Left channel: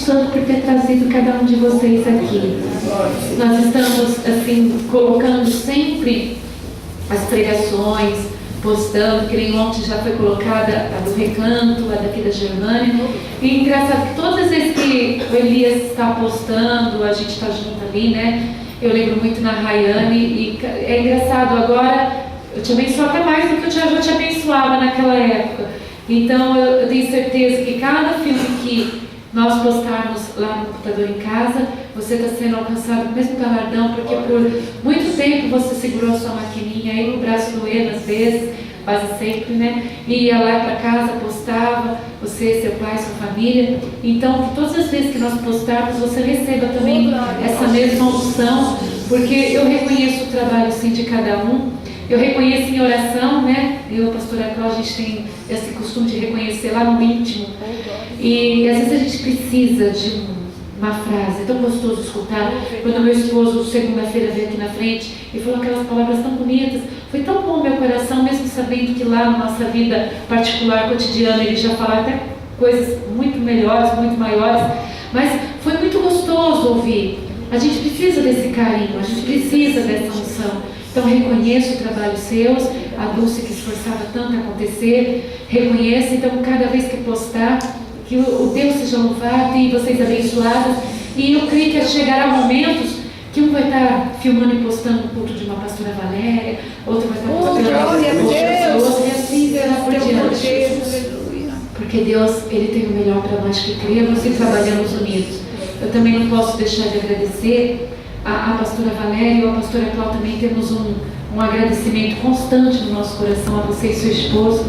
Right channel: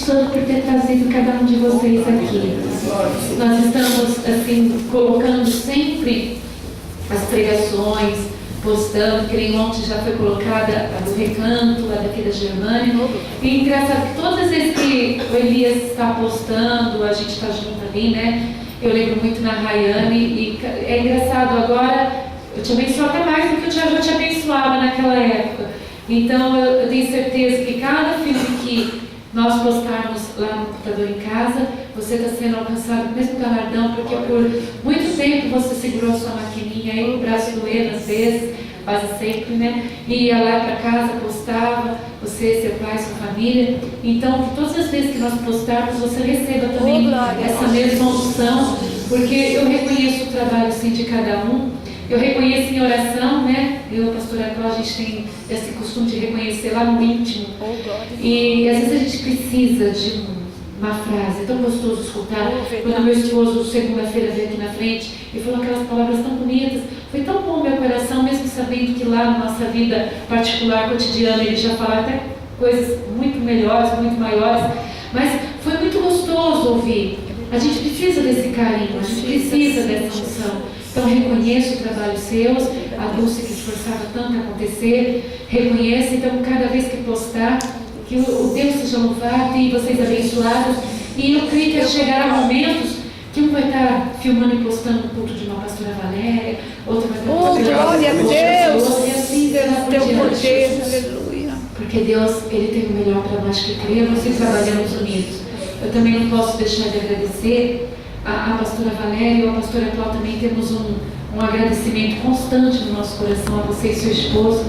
Santo por ter trazido cada um de vocês aqui. Nós estamos, assim, colocando sempre as pregações, postando, que nem ontem já foi colocada a do Recanto, a daqui da Germânia. E engraçado que todas as vezes que o Elias está postando, a gente está junto ali, né? Eu lembro muito na Rayane, e é engraçado, agora eu te abençoo até mais do que eu já te abençoava naquela época. Então eu tenho certeza que cada filme que nós postarmos lá no computador em casa, você está sendo alcançado com o mesmo galardão, porque por muito tempo você segurou a sua maquininha aí, o braço doendo às vezes, quase sempre, né? E ia lá para casa, postava, você, seu pai, sua família. Então, que todas as vezes que nós postarmos, você receba também essa mesma unção, porque eu reconheço o trabalho sim de cada um. Eu reconheço em oração, né? Eu e a pastora Cláudia, a gente tem esse costume de reconhecer lá no íntimo. E às vezes a gente precisa de uma frase, é tão gostoso escutar. Quando meu esposo, segunda-feira, veio aqui na frente e falou aquelas palavras tão bonitas, foi tão bom meu coração, mesmo sabendo que lá na nossa vida particular, cotidiana, ele já falava até coisas muito melhores, muito maiores, mas foi muito gostoso ouvir. A gente precisa desse carinho, a gente precisa dessa unção. Então reconheço o trabalho seus, a Dulce que esforçava tanto a acontecer, reconheço, então cada vez que postar, que o Deus seja louvado e vocês abençoados. E eu creio que chegará momentos que um vai estar filmando e postando o culto de uma pastora Valéria, outro vai estar postando Deus, e assim será por diante. Porque Deus, Ele tem o melhor para nós que cremos e trabalhamos unidos. Eu também não posso deixar de agradecer a pastora Valéria e a pastora Cláudia. Também temos um agradecimento constante no nosso coração a você e seu esposo,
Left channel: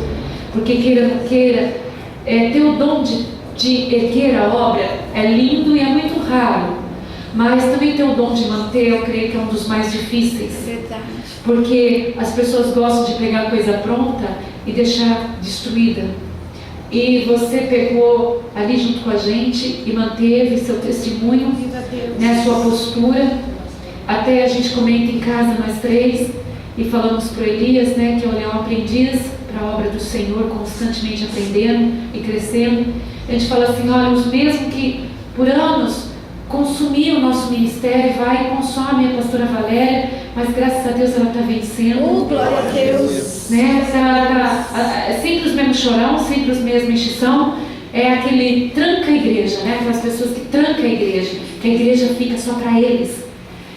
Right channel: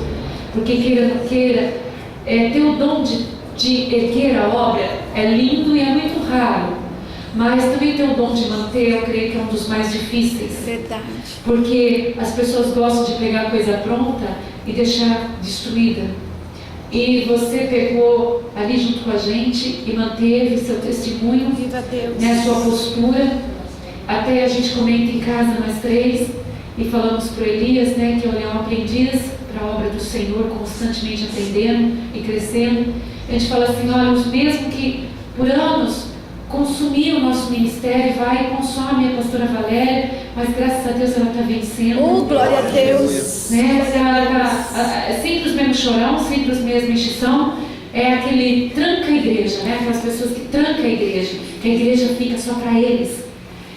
porque queira ou não queira, ter o dom de erguer a obra é lindo e é muito raro, mas também ter o dom de manter, eu creio que é um dos mais difíceis. Verdade. Porque as pessoas gostam de pegar coisa pronta e deixar destruída. E você pegou ali junto com a gente e manteve seu testemunho, né, sua postura. Até a gente comenta em casa, nós três, e falamos para o Elias, né, que ele é um aprendiz para a obra do Senhor, constantemente aprendendo e crescendo. A gente fala assim, olha, os mesmos que por anos consumiam o nosso ministério, vai e consome a pastora Valéria, mas graças a Deus ela está vencendo. Glória a Deus. Né? Sempre os mesmos chorão, sempre os mesmos enchição. É aquele tranca a igreja, né? Aquelas pessoas que trancam a igreja, que a igreja fica só para eles.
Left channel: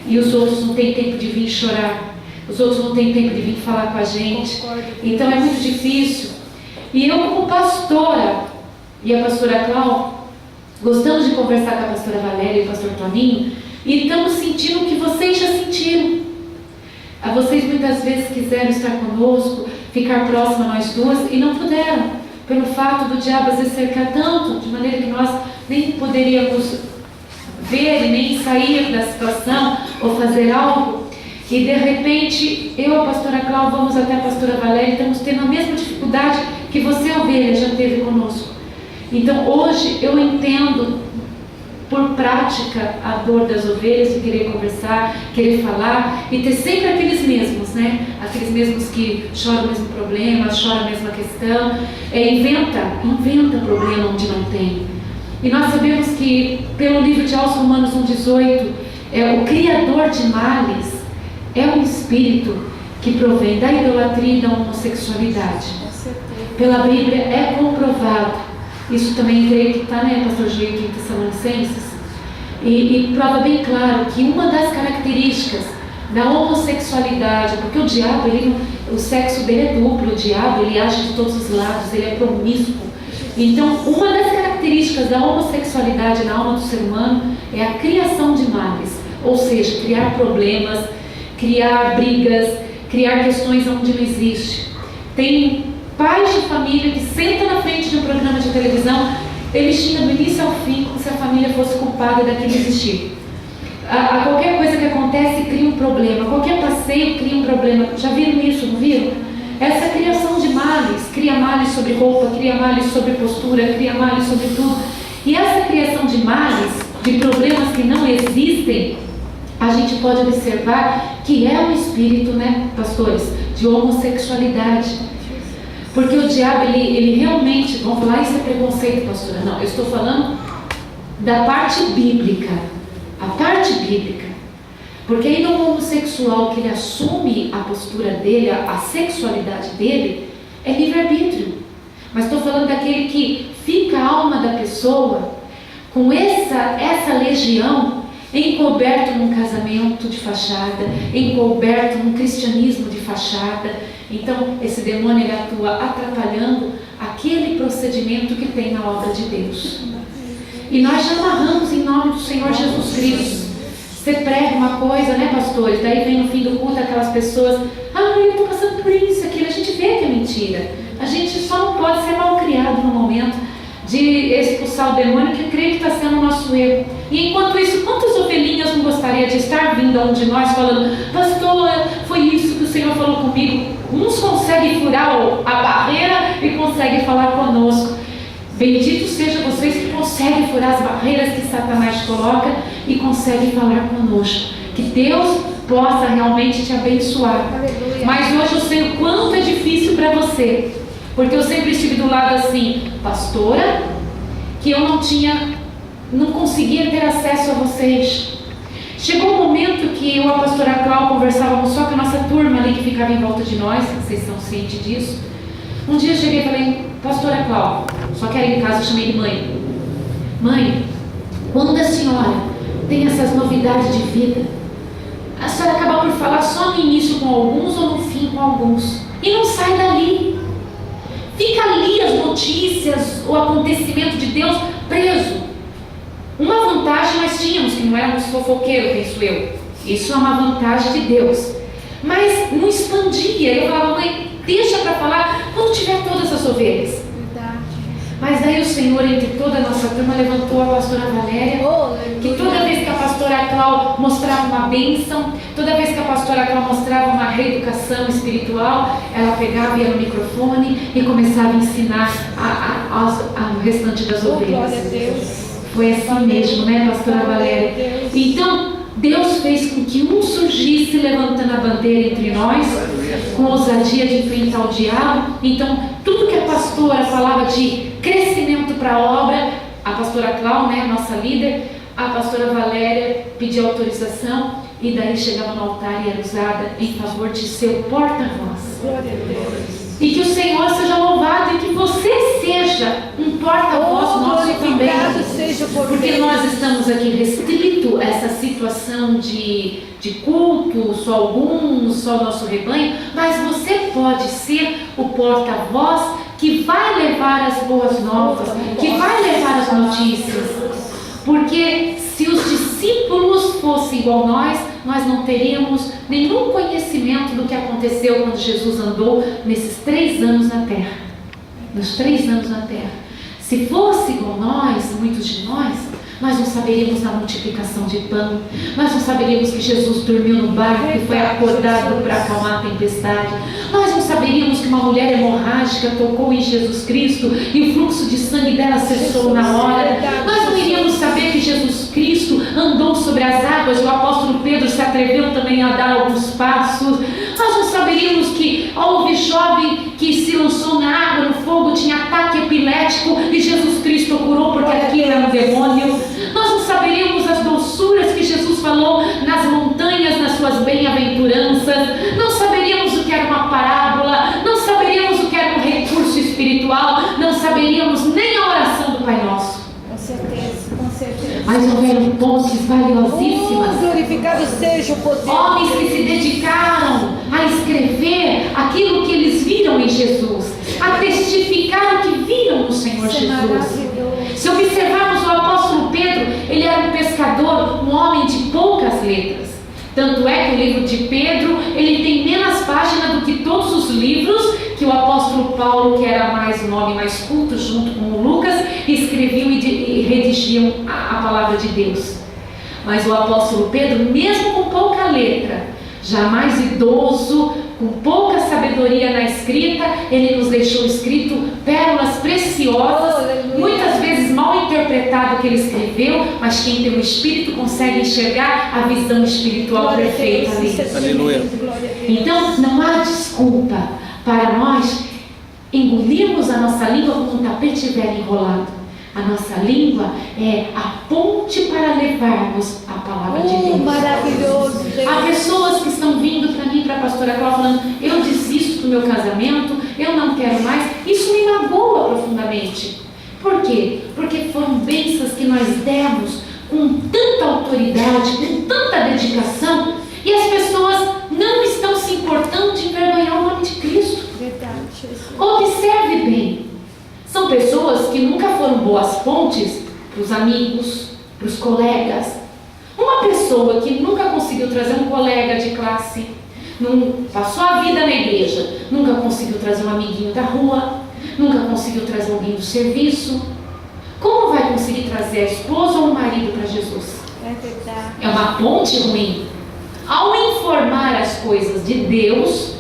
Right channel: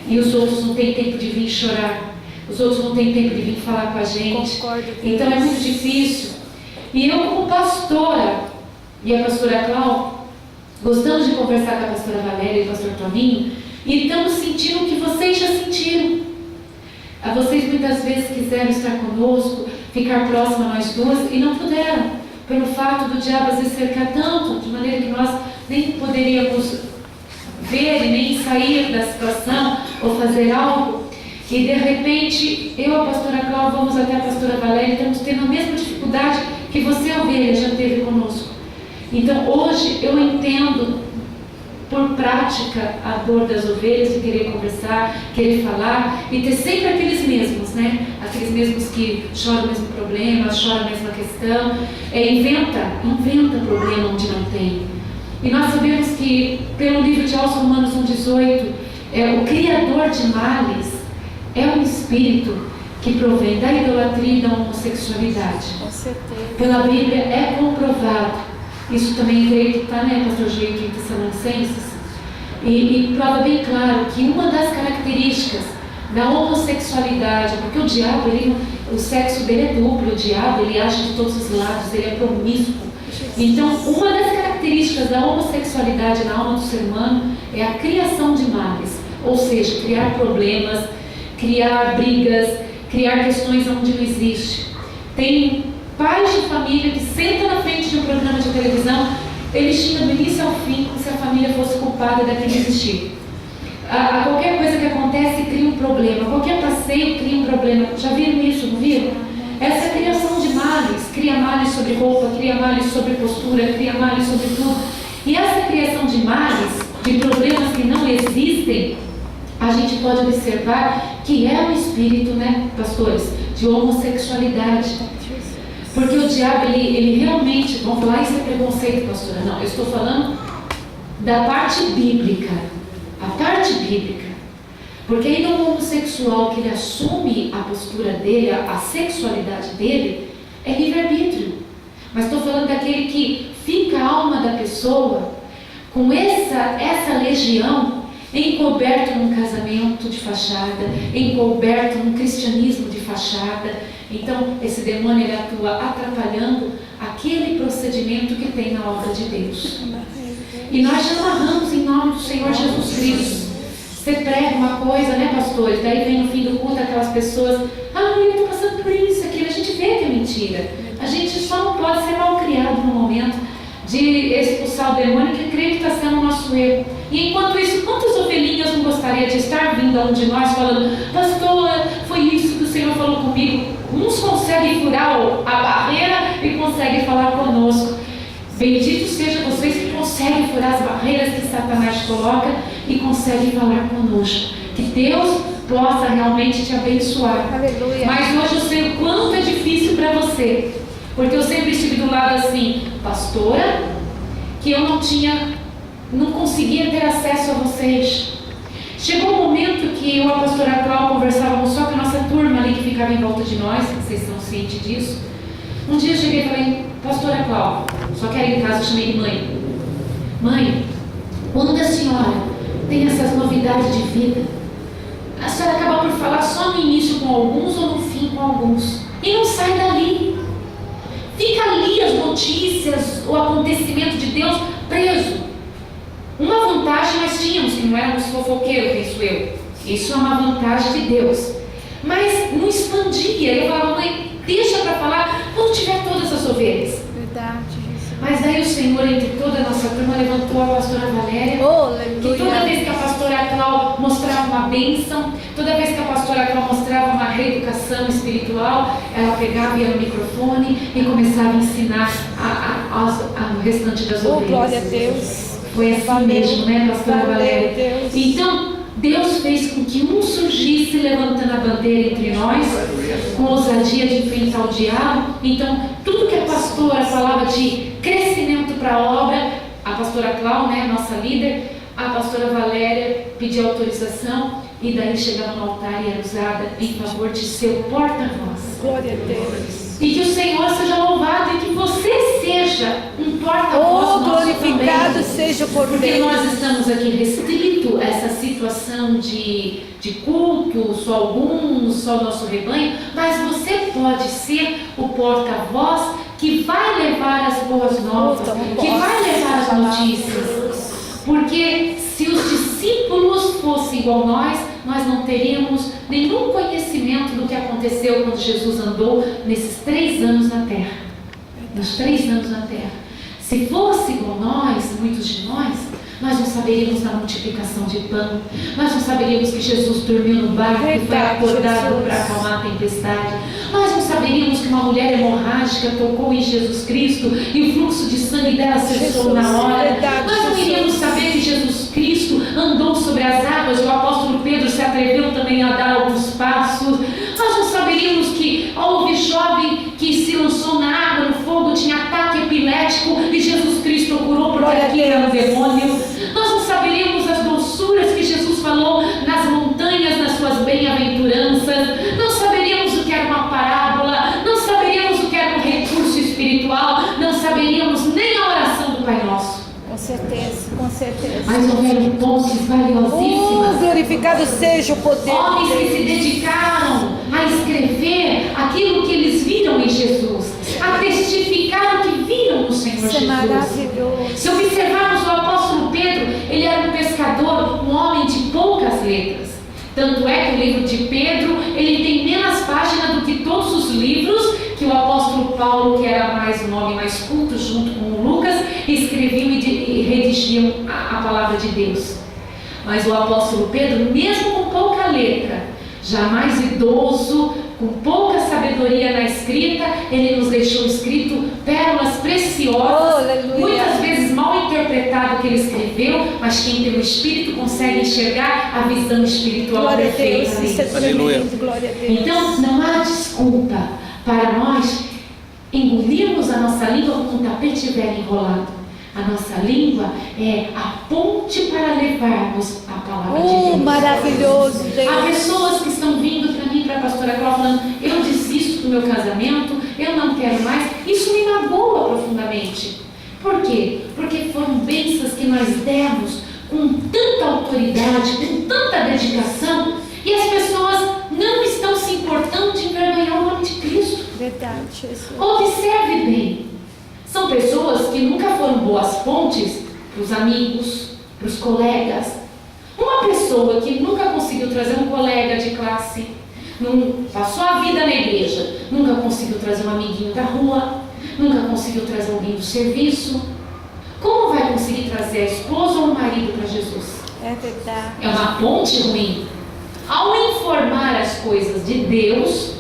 E os outros não têm tempo de vir chorar. Os outros não têm tempo de vir falar com a gente. Então é muito difícil. E eu, como pastora, e a pastora Cláudia, gostamos de conversar com a pastora Valéria e o pastor Toninho, e estamos sentindo o que vocês já sentiram. Vocês muitas vezes quiseram estar conosco, ficar próximo a nós duas, e não puderam, pelo fato do diabo às vezes cercar tanto, de maneira que nós nem poderíamos ver e nem sair da situação ou fazer algo. E de repente, eu e a pastora Cláudia vamos até a pastora Valéria e estamos tendo a mesma dificuldade que você, ovelha, já teve conosco. Então hoje eu entendo por prática a dor das ovelhas de querer conversar, querer falar e ter sempre aqueles mesmos, né? Aqueles mesmos que choram o mesmo problema, choram a mesma questão, inventa problema onde não tem. E nós sabemos que pelo livro de Romanos 1,18, o criador de males é um espírito que provém da idolatria e da homossexualidade. Pela Bíblia é comprovado. Isso também creio que está, né, pastor Gil, aqui em Tessalonicenses, e prova bem claro que uma das características da homossexualidade, porque o diabo, o sexo dele é duplo, o diabo, ele age de todos os lados, ele é promíscuo. Então, uma das características da homossexualidade na alma do ser humano é a criação de males, ou seja, criar problemas, criar brigas, criar questões onde não existe. Tem pais de família que sentam na frente de um programa de televisão, eles xingam do início ao fim como se a família fosse culpada daquele existir. A qualquer coisa que acontece cria um problema, qualquer passeio cria um problema. Já viram isso, não viram? Essa criação de males, cria males sobre roupa, cria males sobre postura, cria males sobre tudo. E essa criação de males, de problemas que não existem, a gente pode observar que é um espírito, né, pastores, de homossexualidade. Porque o diabo, ele realmente, vamos falar, isso é preconceito, pastora. Não, eu estou falando da parte bíblica. A parte bíblica. Porque ainda o homossexual que ele assume a postura dele, a sexualidade dele, é livre-arbítrio. Mas estou falando daquele que fica a alma da pessoa com essa legião encoberto num casamento de fachada, encoberto num cristianismo de fachada. Então esse demônio ele atua atrapalhando aquele procedimento que tem na obra de Deus. E nós já amarramos em nome do Senhor Jesus Cristo. Você prega uma coisa, né, pastores? Daí vem no fim do culto aquelas pessoas: eu estou passando por isso, aquilo. A gente vê que é mentira. A gente só não pode ser mal criado no momento de expulsar o demônio, que creio que está sendo o nosso erro. E enquanto isso, quantas ovelhinhas não gostaria de estar vindo a um de nós falando: pastor, foi isso que o Senhor falou comigo? Uns conseguem furar a barreira e conseguem falar conosco. Bendito seja vocês que conseguem furar as barreiras que Satanás coloca e conseguem falar conosco. Que Deus possa realmente te abençoar. Aleluia. Mas hoje eu sei o quanto é difícil para você, porque eu sempre estive do lado assim, pastora, que eu não conseguia ter acesso a vocês. Chegou um momento que eu e a pastora Cláudia conversávamos só com a nossa turma ali que ficava em volta de nós, vocês são cientes disso. Um dia eu cheguei e falei: pastora Cláudia, só que era em casa, eu chamei de mãe. Mãe, quando a senhora tem essas novidades de vida, a senhora acaba por falar só no início com alguns ou no fim com alguns, e não sai dali. Fica ali as notícias, o acontecimento de Deus preso. Uma vantagem nós tínhamos, que não éramos fofoqueiros, penso eu. Isso é uma vantagem de Deus. Mas não expandia. Eu falava: mãe, deixa para falar quando tiver todas as ovelhas. Verdade. Mas daí o Senhor, entre toda a nossa turma, levantou a pastora Valéria, que toda vez que a pastora Cláudia mostrava uma bênção, toda vez que a pastora Cláudia mostrava uma reeducação espiritual, ela pegava, ia no microfone e começava a ensinar ao restante das ovelhas. Glória a Deus. Foi assim mesmo, né, pastora Valéria? Então, Deus fez com que um surgisse levantando a bandeira entre nós, com ousadia de enfrentar o diabo. Então, tudo que a pastora falava de crescimento para a obra, a pastora Cláudia, né, nossa líder, a pastora Valéria pediu autorização e daí chegava no altar e era usada em favor de seu porta-voz. Glória a Deus. E que o Senhor seja louvado e que você seja um porta-voz nosso glorificado também. seja por Porque Deus. nós estamos aqui restrito a essa situação de culto, só alguns, só o nosso rebanho, mas você pode ser o porta-voz que vai levar as boas novas, que vai levar as notícias. Porque se os discípulos fossem igual nós não teríamos nenhum conhecimento do que aconteceu quando Jesus andou nesses 3 anos na terra. Nos 3 anos na terra. Se fosse igual nós, muitos de nós não saberíamos da multiplicação de pão, nós não saberíamos que Jesus dormiu no barco e foi acordado para acalmar a tempestade, nós não saberíamos que uma mulher hemorrágica tocou em Jesus Cristo e o fluxo de sangue dela cessou na hora, nós não iríamos saber que Jesus Cristo andou sobre as águas e o apóstolo Pedro se atreveu também a dar alguns passos, nós não saberíamos que houve jovem que se lançou na água, no fogo, tinha ataque epilético e Jesus Cristo o curou porque aquilo era um demônio. Nós não saberíamos as doçuras que Jesus falou nas montanhas, nas suas bem-aventuranças, não saberíamos o que era uma parábola, não saberíamos o que era um recurso espiritual, não saberíamos nem a oração do Pai Nosso. Com certeza, com certeza. Mas houveram pontes valiosíssimas. Glorificado seja o poder. Homens que se dedicaram a escrever aquilo que eles viram em Jesus, a testificar o que viram no Senhor Isso é Jesus. maravilhoso. Se observarmos o apóstolo Pedro, ele era um pescador, um homem de poucas letras. Tanto é que o livro de Pedro, ele tem menos páginas do que todos os livros que o apóstolo Paulo, que era mais um homem mais culto, junto com o Lucas, escreviam e redigiam a palavra de Deus. Mas o apóstolo Pedro, mesmo com pouca letra, jamais idoso, com pouca sabedoria na escrita, ele nos deixou escrito pérolas preciosas, muitas vezes mal interpretado o que ele escreveu, mas quem tem o Espírito consegue enxergar a visão espiritual perfeita ali. Aleluia. Então não há desculpa para nós engolirmos a nossa língua como um tapete velho enrolado. A nossa língua é a ponte para levarmos a palavra de Deus. Maravilhoso, Há Deus. pessoas que estão vindo para mim, para a pastora Cláudia, falando: eu desisto do meu casamento, eu não quero mais. Isso me magoa profundamente. Por quê? Porque foram bênçãos que nós demos com tanta autoridade, com tanta dedicação, e as pessoas não estão se importando de envergonhar o nome de Cristo. Verdade, Jesus. Observe bem, são pessoas que nunca foram boas pontes para os amigos, para os colegas. Uma pessoa que nunca conseguiu trazer um colega de classe, passou a vida na igreja, nunca conseguiu trazer um amiguinho da rua, nunca conseguiu trazer alguém do serviço, como vai conseguir trazer a esposa ou o marido para Jesus? É verdade. É uma ponte ruim. Ao informar as coisas de Deus,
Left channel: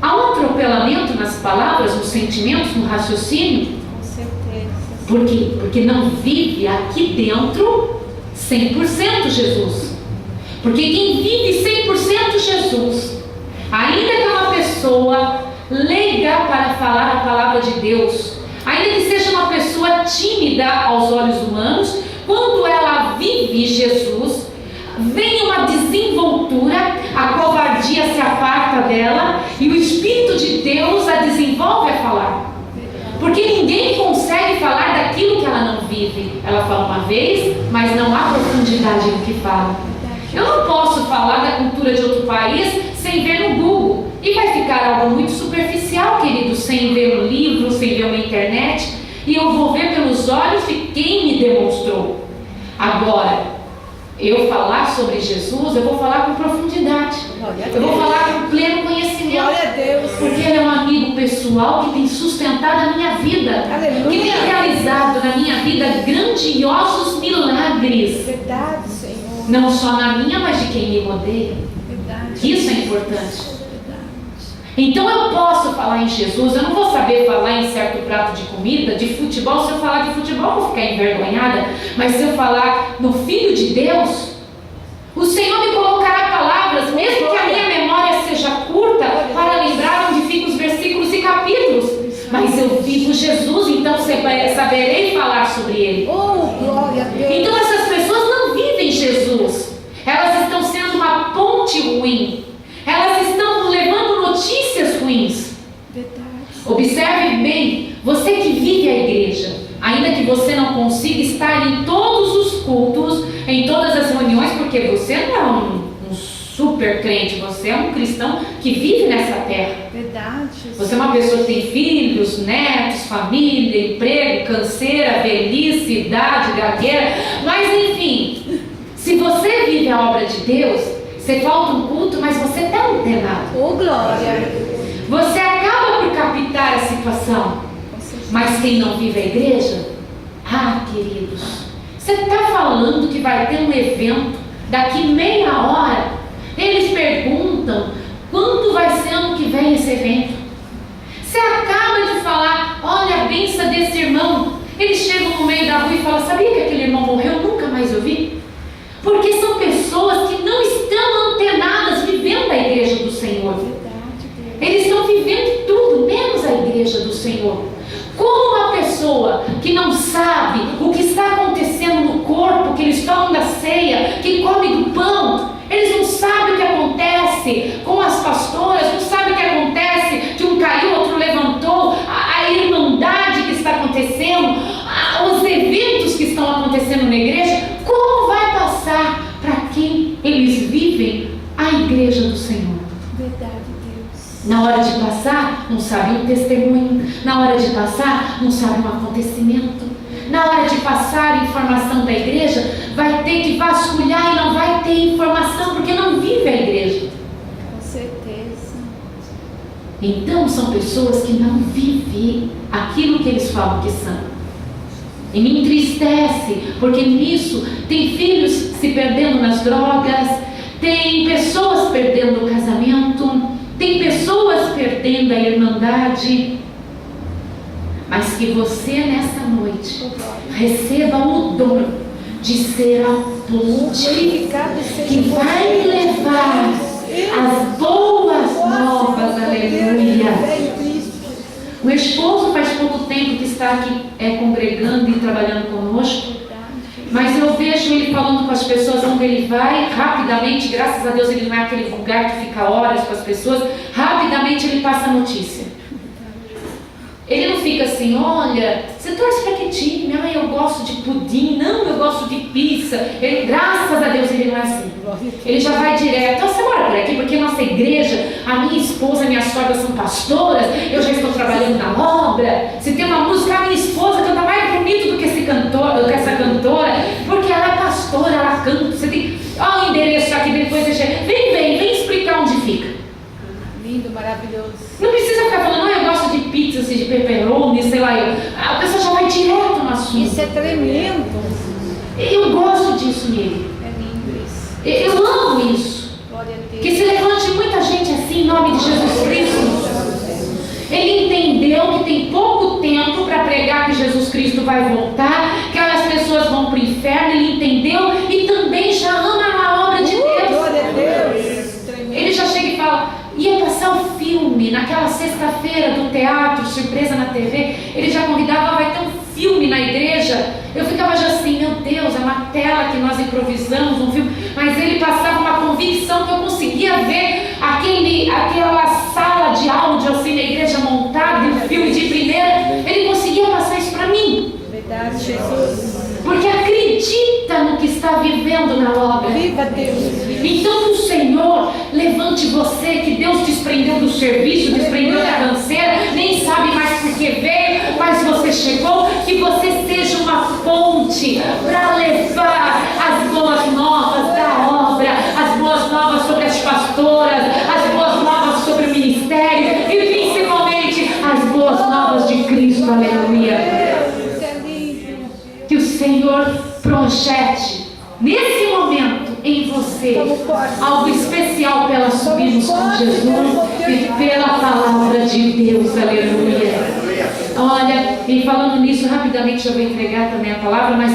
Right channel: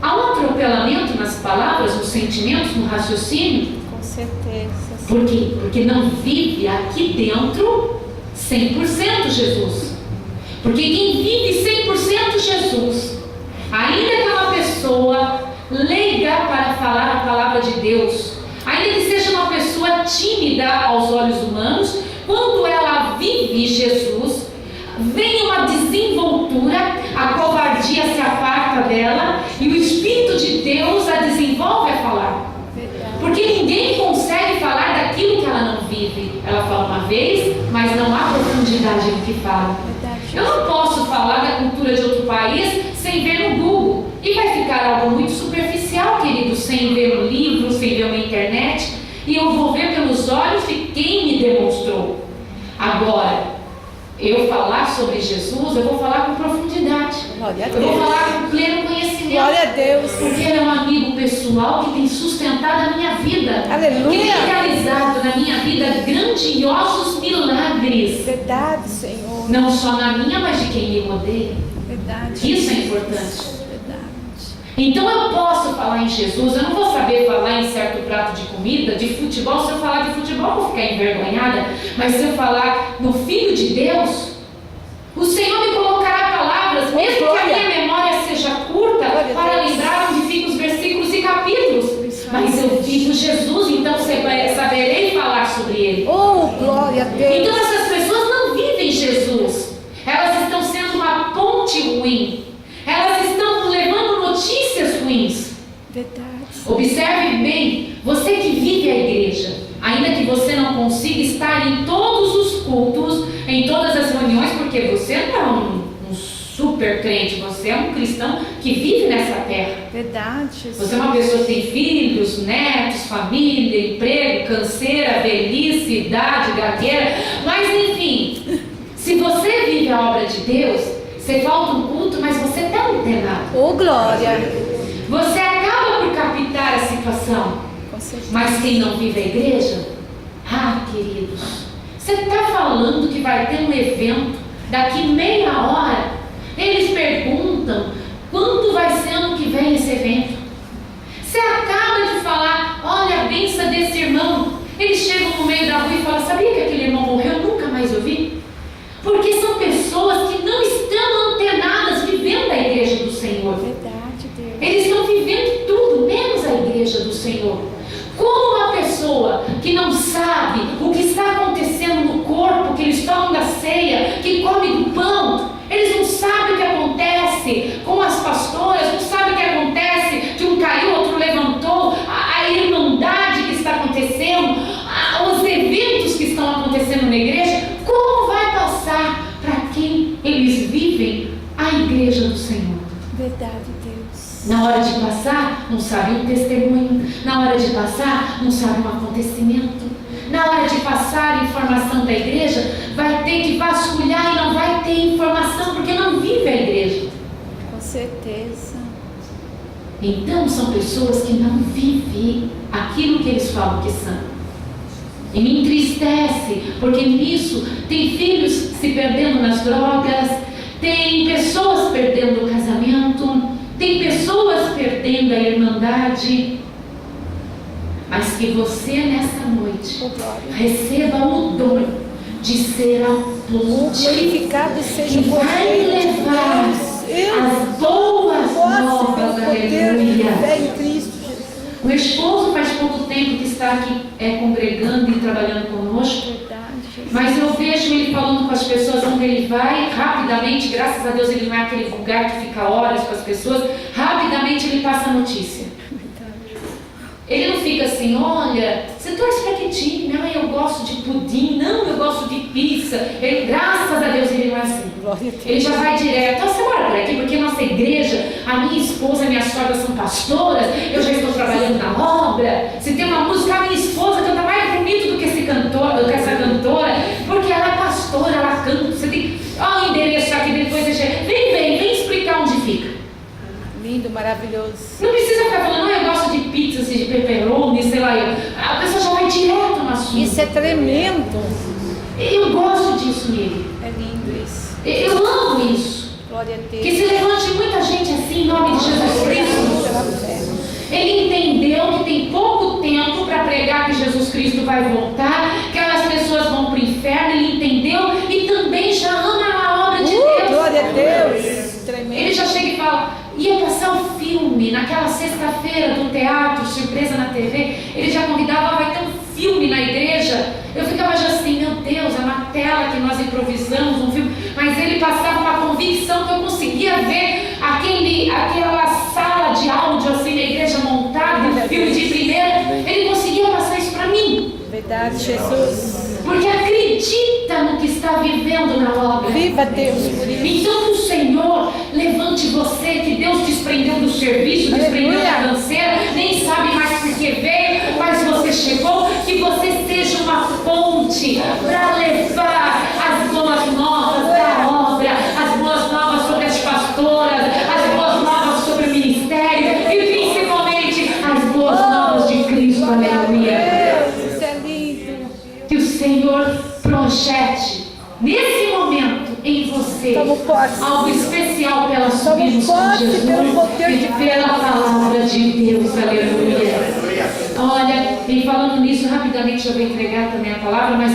há um atropelamento nas palavras, nos sentimentos, no raciocínio. Com certeza. Por quê? Porque não vive aqui dentro 100% Jesus. Porque quem vive 100% Jesus, ainda que é uma pessoa leiga para falar a palavra de Deus, ainda que seja uma pessoa tímida aos olhos humanos, quando ela vive Jesus, vem uma desenvoltura, a covardia se aparta dela e o Espírito de Deus a desenvolve a falar. Porque ninguém consegue falar daquilo que ela não vive. Ela fala uma vez, mas não há profundidade no que fala. Eu não posso falar da cultura de outro país sem ver no Google. E vai ficar algo muito superficial, querido, sem ver no livro, sem ver na internet. E eu vou ver pelos olhos de quem me demonstrou. Agora, eu falar sobre Jesus, eu vou falar com profundidade. Eu vou falar com pleno conhecimento. Glória a Deus. Porque ele é um amigo pessoal que tem sustentado a minha vida. Aleluia. Que tem realizado na minha vida grandiosos milagres. Verdade, Senhor. Não só na minha, mas de quem me rodeia. Verdade. Isso é importante. Verdade. Então eu posso falar em Jesus, eu não vou saber falar em certo prato de comida, de futebol. Se eu falar de futebol, eu vou ficar envergonhada. Mas se eu falar no Filho de Deus, o Senhor me colocará palavras, mesmo que a minha memória seja curta, para lembrar onde ficam os versículos e capítulos. Mas eu vivo Jesus, então saberei falar sobre Ele. Oh, glória a Deus. Então essas pessoas não vivem Jesus. Elas estão sendo uma ponte ruim. Elas estão levando notícias ruins. Verdade. Observe bem, você que vive a igreja, ainda que você não consiga estar em todos os cultos, em todas as reuniões, porque você não é um super crente, você é um cristão que vive nessa terra. Verdade. Você é uma pessoa que tem filhos, netos, família, emprego, canseira, velhice, idade, gagueira, mas enfim, se você vive a obra de Deus, você falta um culto, mas você está antenado. Oh, glória. Você acaba por captar a situação. Com certeza. Mas quem não vive a igreja, queridos, você está falando que vai ter um evento daqui meia hora. Eles perguntam quando vai ser ano que vem esse evento. Você acaba de falar: olha a benção desse irmão. Eles chegam no meio da rua e falam: sabia que aquele irmão morreu? Nunca mais ouvi. Porque são pessoas que não estão antenadas vivendo a igreja do Senhor. Verdade, Deus. Eles estão vivendo tudo, menos a igreja do Senhor. Como uma pessoa que não sabe o que está acontecendo no corpo, que eles tomam da ceia, que come do pão, eles não sabem o que acontece com as pastoras, não sabem o que acontece, que um caiu, outro levantou, a irmandade que está acontecendo, os eventos que estão acontecendo na igreja. Como vai passar para quem eles vivem a igreja do Senhor? Verdade, Deus. Na hora de passar, não sabe um testemunho. Na hora de passar, não sabe um acontecimento. Na hora de passar informação da igreja, vai ter que vasculhar e não vai ter informação, porque não vive a igreja. Com certeza. Então são pessoas que não vivem aquilo que eles falam que são. E me entristece, porque nisso tem filhos se perdendo nas drogas, tem pessoas perdendo o casamento, tem pessoas perdendo a irmandade. Mas que você nessa noite receba o dom de ser a ponte Glorificado seja que vai levar as boas novas, aleluia. Em Cristo Jesus. O esposo faz pouco tempo que está aqui congregando e trabalhando conosco. Verdade, Jesus. Mas eu vejo ele falando com as pessoas onde ele vai, rapidamente, graças a Deus ele não é aquele vulgar que fica horas com as pessoas, rapidamente ele passa a notícia. Ele não fica assim, olha, você torce para que time? Ah, eu gosto de pudim, não, eu gosto de pizza. Ele, graças a Deus ele não é assim. Ele já vai direto, você mora por aqui, porque nossa igreja, a minha esposa, minha sogra são pastoras, eu já estou trabalhando na obra. Se tem uma música, a minha esposa canta mais bonito do que essa cantora, porque ela é pastora, ela canta. Você tem, ó, o endereço aqui, depois você chega. Vem explicar onde fica. Lindo, maravilhoso. Não precisa ficar falando, não, eu gosto de pizza, de pepperoni, sei lá. A pessoa já vai direto no assunto. Isso é tremendo. Eu gosto disso nele. É lindo isso. Eu amo isso. Glória a Deus. Que se levante muita gente assim em nome de Jesus Cristo. Ele entendeu que tem pouco tempo para pregar que Jesus Cristo vai voltar, que as pessoas vão para o inferno. Ele entendeu e também já ama a obra de Deus. Glória a Deus. Tremendo. Ele já chega e fala, ia passar o filme naquela sexta-feira do teatro, surpresa na TV. Ele já convidava, vai ter um filme na igreja. Eu ficava já assim, meu Deus, é uma tela que nós improvisamos, um filme. Mas ele passava uma convicção que eu conseguia ver aquela sala de áudio assim na igreja montada, um filme de primeira. Ele conseguia passar isso para mim. Verdade, Jesus. Porque acredita no que está vivendo na obra. Viva Deus. Então que o Senhor levante você, que Deus desprendeu do serviço, desprendeu da canseira, nem sabe mais por que veio, mas você chegou, que você seja uma ponte para levar as boas novas da obra, as boas novas sobre as pastoras, as boas novas sobre o ministério e principalmente as boas novas de Cristo, aleluia. Isso é lindo. Que o Senhor projete nesse momento em você algo especial para subirmos com Jesus e pela palavra de Deus, aleluia. Olha, e falando nisso, rapidamente eu vou entregar também a palavra, mas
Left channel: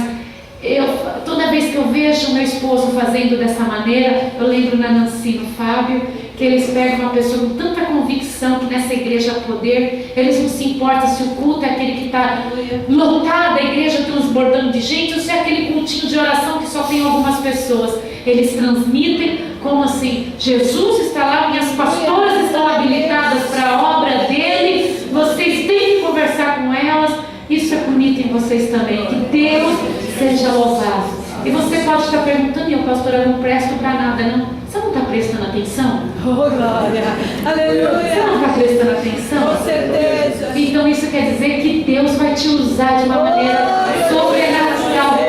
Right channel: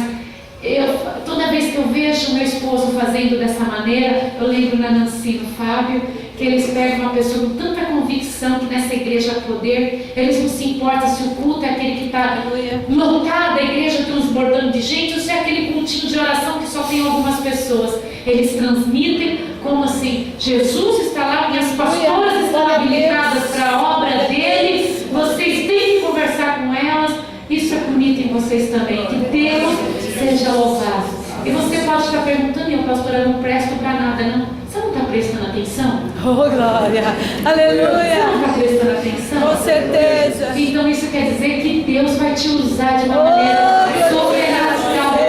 toda vez que eu vejo meu esposo fazendo dessa maneira, eu lembro na Nancy, no Fábio, que eles pegam uma pessoa com tanta convicção que nessa igreja há poder. Eles não se importam se o culto é aquele que está lotado, a igreja transbordando de gente, ou se é aquele cultinho de oração que só tem algumas pessoas. Eles transmitem como assim, Jesus está lá, minhas pastoras estão habilitadas para a obra dele, vocês têm que conversar com elas. Isso é bonito em vocês também, que Deus seja louvado. E você pode estar perguntando, eu pastora, eu não presto para nada, não? Você não está prestando atenção? Oh, glória. Aleluia. Você não está prestando atenção? Com certeza. Então isso quer dizer que Deus vai te usar de uma maneira sobrenatural.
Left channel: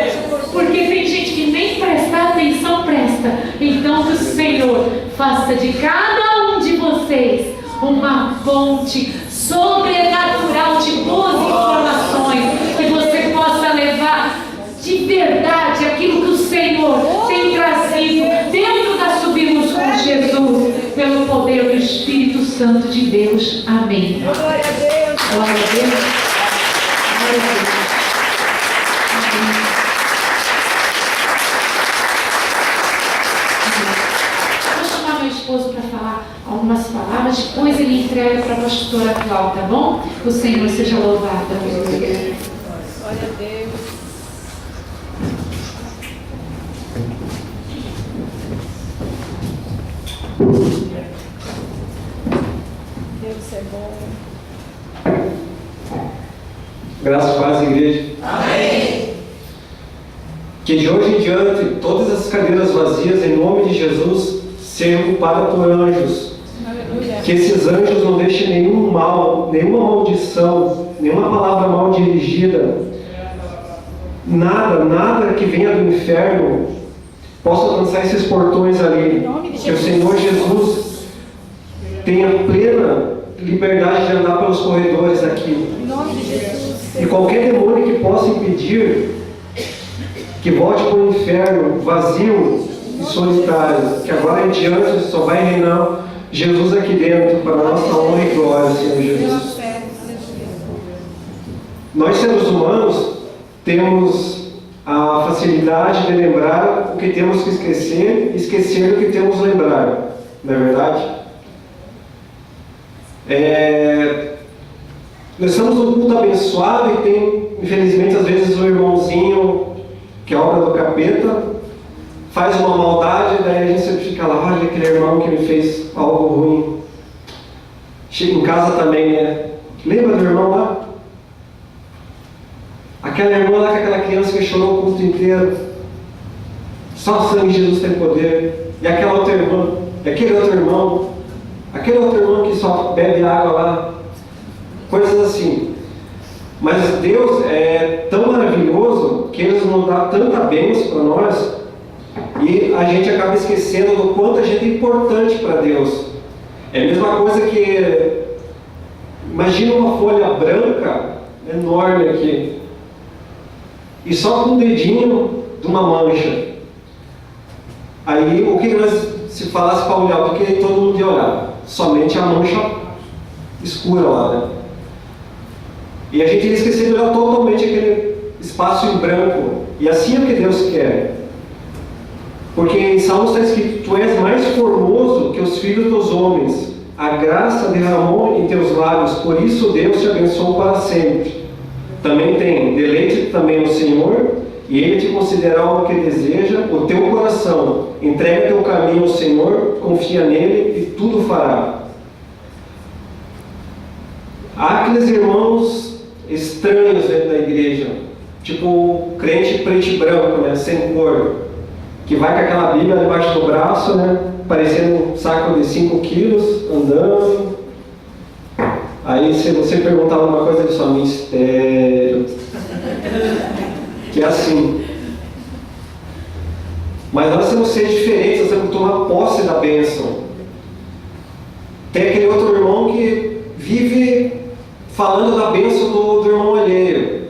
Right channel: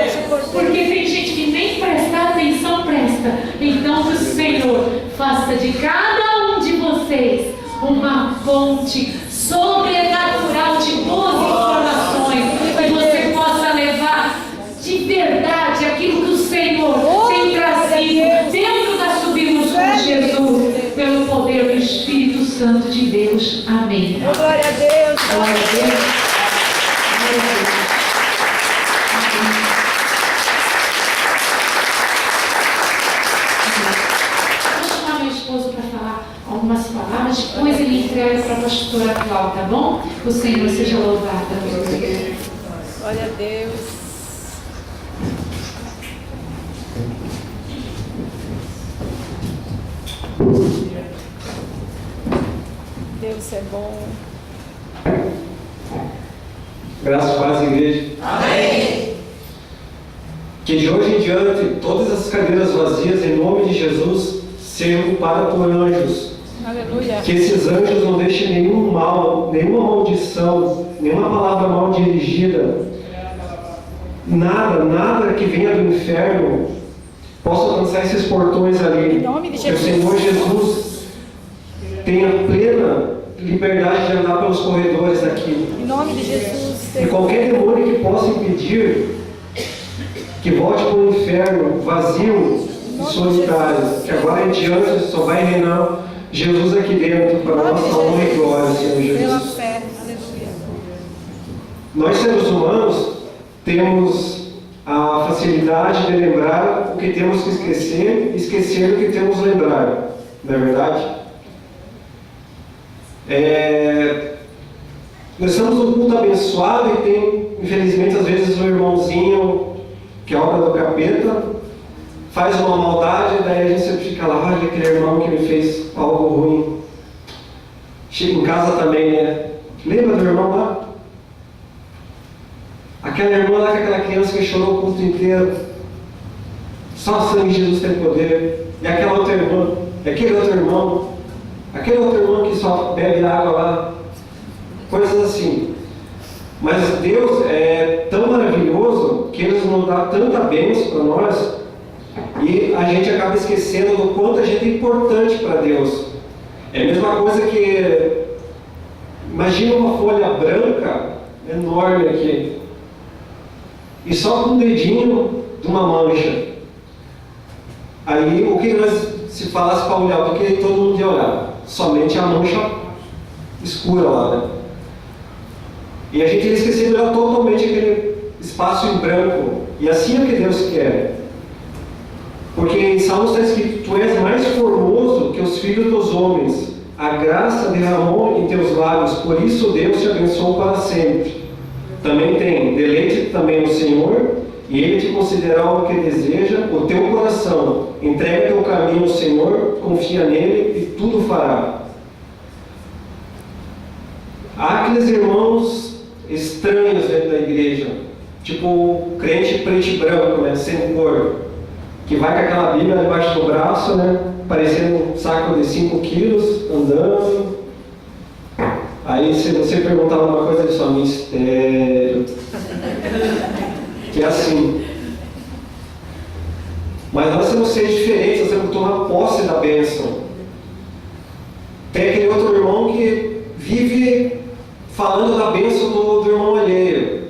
Porque tem gente que nem prestar atenção presta. Então que o Senhor faça de cada um de vocês uma fonte sobrenatural de boas informações. Que você possa levar de verdade aquilo que o Senhor tem trazido dentro da Subimos com Jesus, pelo poder do Espírito Santo de Deus. Amém. Glória a Deus. Glória a Deus. Glória a Deus. Vou chamar meu esposo para falar algumas palavras, depois ele entrega para a pastora atual, tá bom? O Senhor seja louvado. Glória a Deus. Deus é bom. Graças a paz, igreja. Amém. Que de hoje em diante, todas as cadeiras vazias, em nome de Jesus, sejam ocupadas por anjos. Aleluia. Que esses anjos não deixem nenhum mal, nenhuma maldição, nenhuma palavra mal dirigida, nada que venha do inferno possa alcançar esses portões ali. Em nome de Que o Jesus. Senhor Jesus tenha plena liberdade de andar pelos corredores aqui. Em nome de Jesus. E qualquer demônio que possa impedir que volte para o inferno vazio e solitário, que agora em diante só vai reinar Jesus aqui dentro, para a nossa honra e glória, Senhor Pela Jesus. fé. Aleluia. Nós, seres humanos, temos a facilidade de lembrar o que temos que esquecer e esquecer o que temos que lembrar, não é verdade? Nós estamos num culto abençoado e tem infelizmente, às vezes o irmãozinho, que é obra do capeta, faz uma maldade, daí a gente sempre fica lá, olha aquele irmão que me fez algo ruim. Chega em casa também, né? Lembra do irmão lá? Aquela irmã lá com aquela criança que chorou o culto inteiro. Só o sangue de Jesus tem poder. E aquela outra irmã, e aquele outro irmão, que só bebe água lá. Coisas assim. Mas Deus é tão maravilhoso que Ele nos dá tanta bênção para nós e a gente acaba esquecendo do quanto a gente é importante para Deus. É a mesma coisa que, imagina uma folha branca enorme aqui e só com um dedinho de uma mancha. Aí o que nós, se falasse para olhar, porque todo mundo ia olhar? Somente a mancha escura lá, né? E a gente ia esquecer de olhar totalmente aquele espaço em branco. E assim é o que Deus quer. Porque em Salmos está escrito: Tu és mais formoso que os filhos dos homens. A graça derramou em teus lábios, por isso Deus te abençoou para sempre. Também tem: deleite também no Senhor, e Ele te concederá o que deseja, o teu coração. Entrega teu caminho ao Senhor, confia nele e tudo fará. Há aqueles irmãos estranhos dentro da igreja, tipo crente preto e branco, né, sem cor, que vai com aquela Bíblia debaixo do braço, né, parecendo um saco de 5 quilos, andando. Aí se você perguntar alguma coisa, ele só mistério. Que é assim. Mas nós temos que ser diferentes, nós temos que tomar posse da bênção. Tem aquele outro irmão que vive falando da bênção do irmão alheio.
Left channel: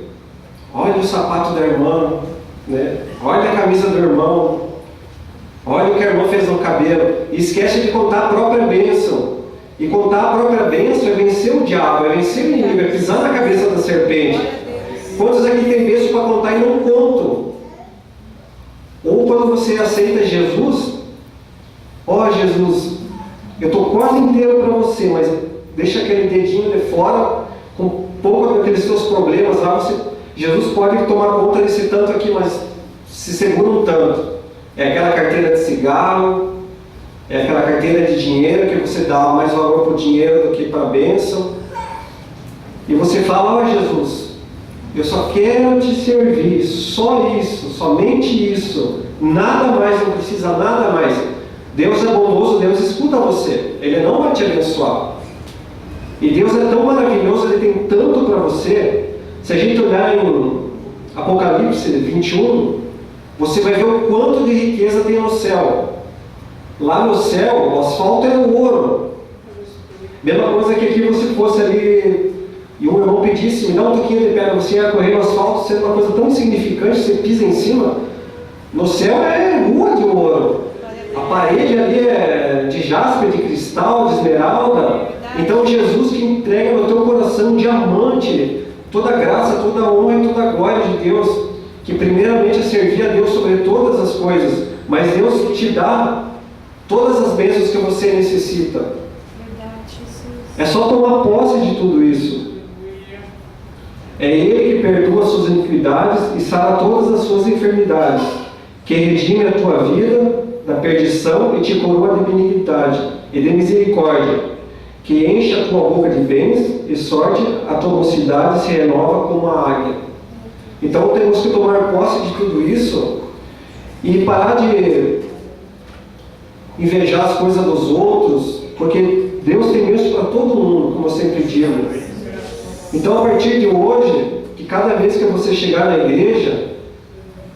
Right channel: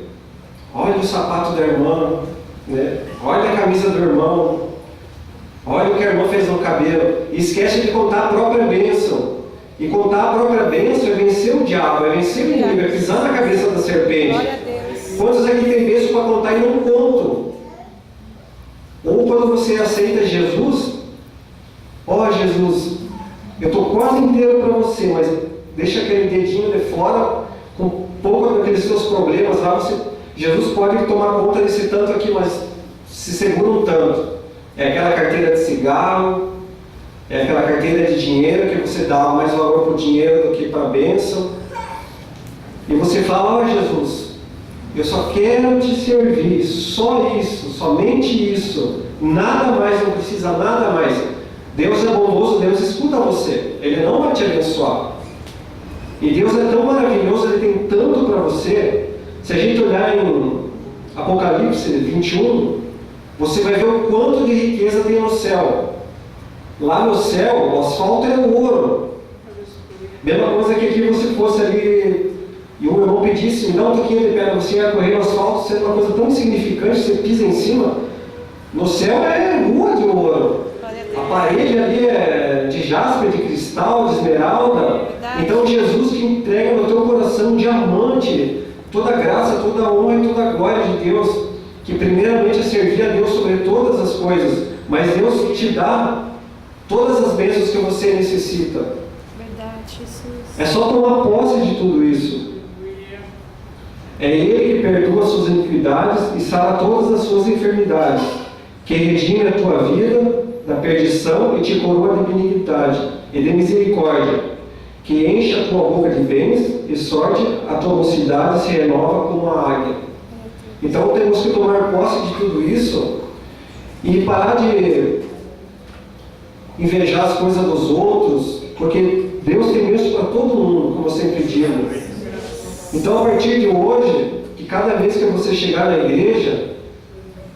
Olha o sapato da irmã, né? Olha a camisa do irmão, olha o que a irmã fez no cabelo. E esquece de contar a própria bênção. E contar a própria bênção é vencer o diabo, é vencer o inimigo, é pisar na cabeça da serpente. Quantos aqui tem bênção para contar e não contam? Ou quando você aceita Jesus, ó Jesus, eu estou quase inteiro para você, mas deixa aquele dedinho de fora, com um pouco daqueles seus problemas lá, Jesus pode tomar conta desse tanto aqui, mas se segura um tanto. É aquela carteira de cigarro, é aquela carteira de dinheiro que você dá mais valor para o dinheiro do que para a bênção. E você fala: ó Jesus, eu só quero te servir, só isso, somente isso, nada mais, não precisa nada mais. Deus é bondoso, Deus escuta você, Ele não vai te abençoar. E Deus é tão maravilhoso, Ele tem tanto para você. Se a gente olhar em Apocalipse 21, você vai ver o quanto de riqueza tem no céu. Lá no céu, o asfalto é o ouro. Mesma coisa que aqui você fosse ali e um irmão pedisse: me dá um pouquinho de pedra, você ia correr no asfalto, sendo uma coisa tão insignificante, você pisa em cima. No céu é rua de ouro. A parede ali é de jaspe, de cristal, de esmeralda. Então Jesus que entrega no teu coração um diamante, toda a graça, toda a honra e toda a glória de Deus, que primeiramente é servir a Deus sobre todas as coisas, mas Deus te dá todas as bênçãos que você necessita. Verdade, Jesus. É só tomar posse de tudo isso. É Ele que perdoa as suas iniquidades e sara todas as suas enfermidades, que redime a tua vida da perdição e te coroa de benignidade e de misericórdia, que enche a tua boca de bens e sorte, a tua mocidade se renova como a águia. Então temos que tomar posse de tudo isso e parar de invejar as coisas dos outros, porque Deus tem bênção para todo mundo, como eu sempre digo. Então, a partir de hoje, que cada vez que você chegar na igreja,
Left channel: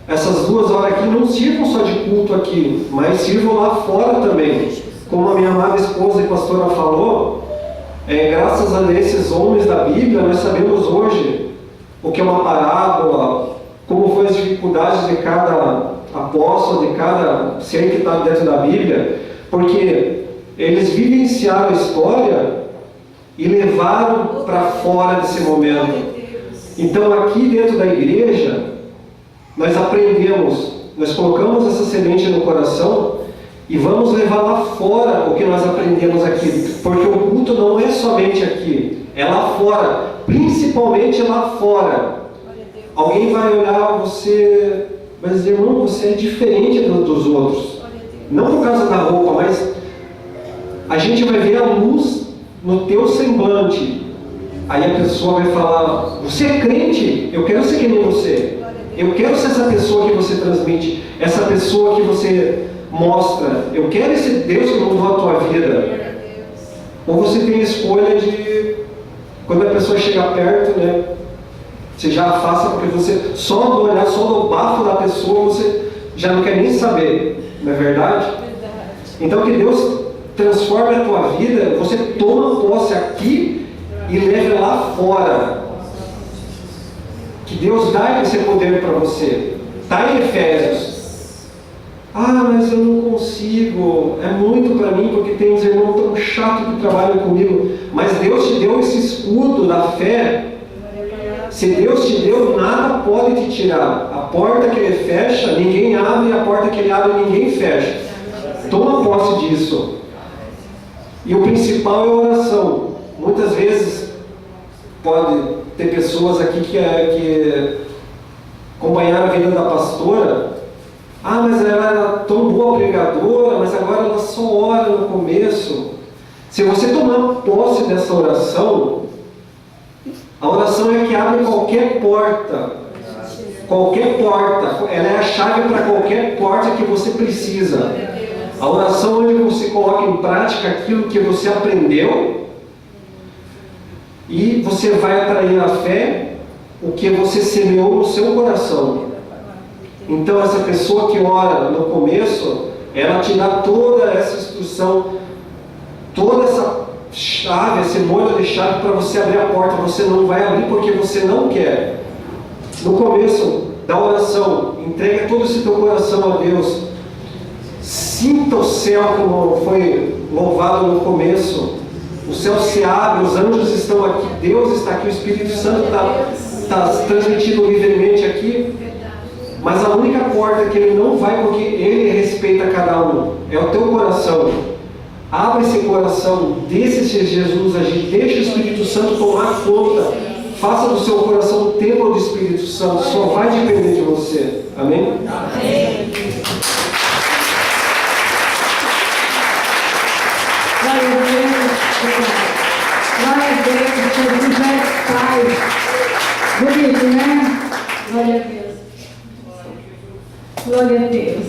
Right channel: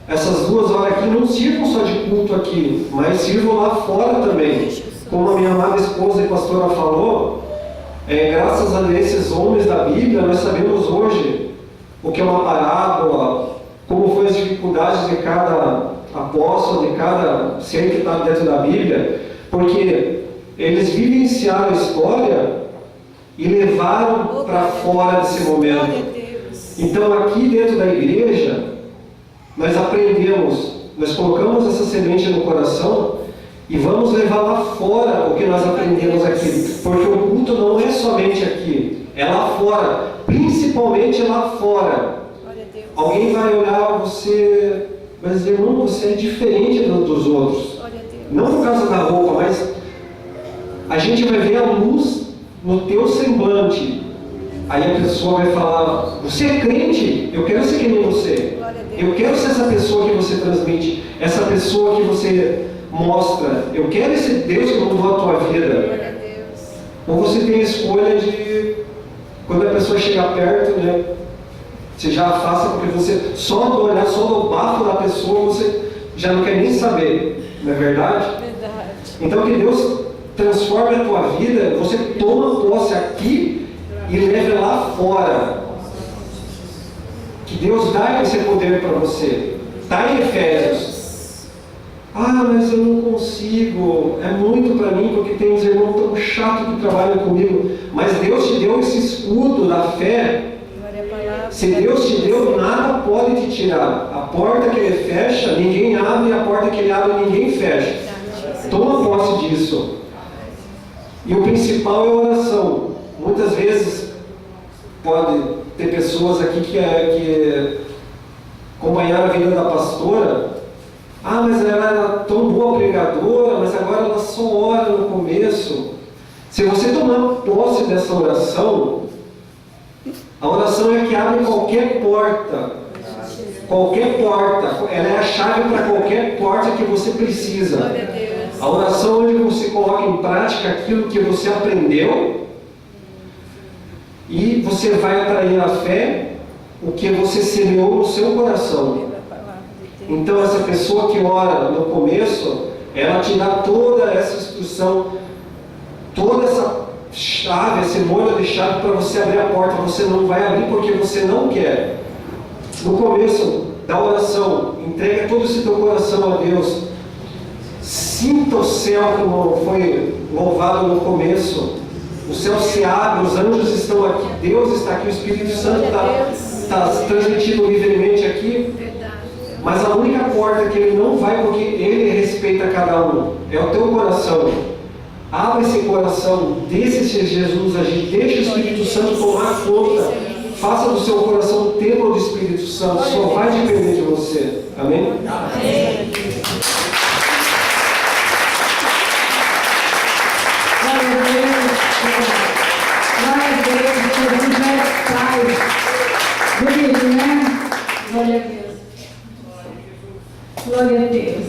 essas 2 horas aqui não sirvam só de culto aqui, mas sirvam lá fora também. Como a minha amada esposa e pastora falou, graças a esses homens da Bíblia, nós sabemos hoje o que é uma parábola, como foi as dificuldades de cada apóstolo, de cada ser que está dentro da Bíblia, porque eles vivenciaram a história e levaram para fora desse momento. Então aqui dentro da igreja, nós aprendemos, nós colocamos essa semente no coração e vamos levar lá fora o que nós aprendemos aqui, porque o culto não é somente aqui, é lá fora, principalmente lá fora. Alguém vai olhar você, vai dizer, irmão, você é diferente dos outros. Glória a Deus. Não por causa da roupa, mas a gente vai ver a luz no teu semblante. Aí a pessoa vai falar, você é crente? Eu quero ser que nem você. Glória a Deus. Eu quero ser essa pessoa que você transmite, essa pessoa que você mostra. Eu quero esse Deus que mudou a tua vida. Glória a Deus. Ou você tem a escolha de, quando a pessoa chega perto, né, você já afasta, porque você, só do olhar, só do bafo da pessoa, você já não quer nem saber, não é verdade? Verdade. Então que Deus transforme a tua vida, você toma posse aqui e leve lá fora. Que Deus dá esse poder para você. Está em Efésios. Ah, mas eu não consigo. É muito para mim, porque tem uns irmãos tão chatos que trabalham comigo. Mas Deus te deu esse escudo da fé. Se Deus te deu, nada pode te tirar. A porta que Ele fecha, ninguém abre. E a porta que Ele abre, ninguém fecha. Toma posse disso. E o principal é a oração. Muitas vezes pode ter pessoas aqui que acompanharam a vida da pastora. Ah, mas ela era tão boa pregadora, mas agora ela só ora no começo. Se você tomar posse dessa oração, a oração é que abre qualquer porta. Qualquer porta. Ela é a chave para qualquer porta que você precisa. A oração é onde você coloca em prática aquilo que você aprendeu e você vai atrair a fé, o que você semeou no seu coração. Então essa pessoa que ora no começo, ela te dá toda essa instrução, toda essa chave, esse molho de chave para você abrir a porta. Você não vai abrir porque você não quer. No começo da oração, entrega todo esse teu coração a Deus. Sinta o céu como foi louvado no começo. O céu se abre, os anjos estão aqui, Deus está aqui, o Espírito Santo está transmitindo livremente aqui. Mas a única porta que Ele não vai, porque Ele respeita cada um, é o teu coração. Abre esse coração, deixa esse Jesus agir, deixa o Espírito Santo tomar conta. Faça do seu coração o templo do Espírito Santo, só vai depender de você. Amém? Amém. Glória a Deus. Glória a Deus. Jesus é Pai. Bonito, né? Glória a Deus. Glória a Deus.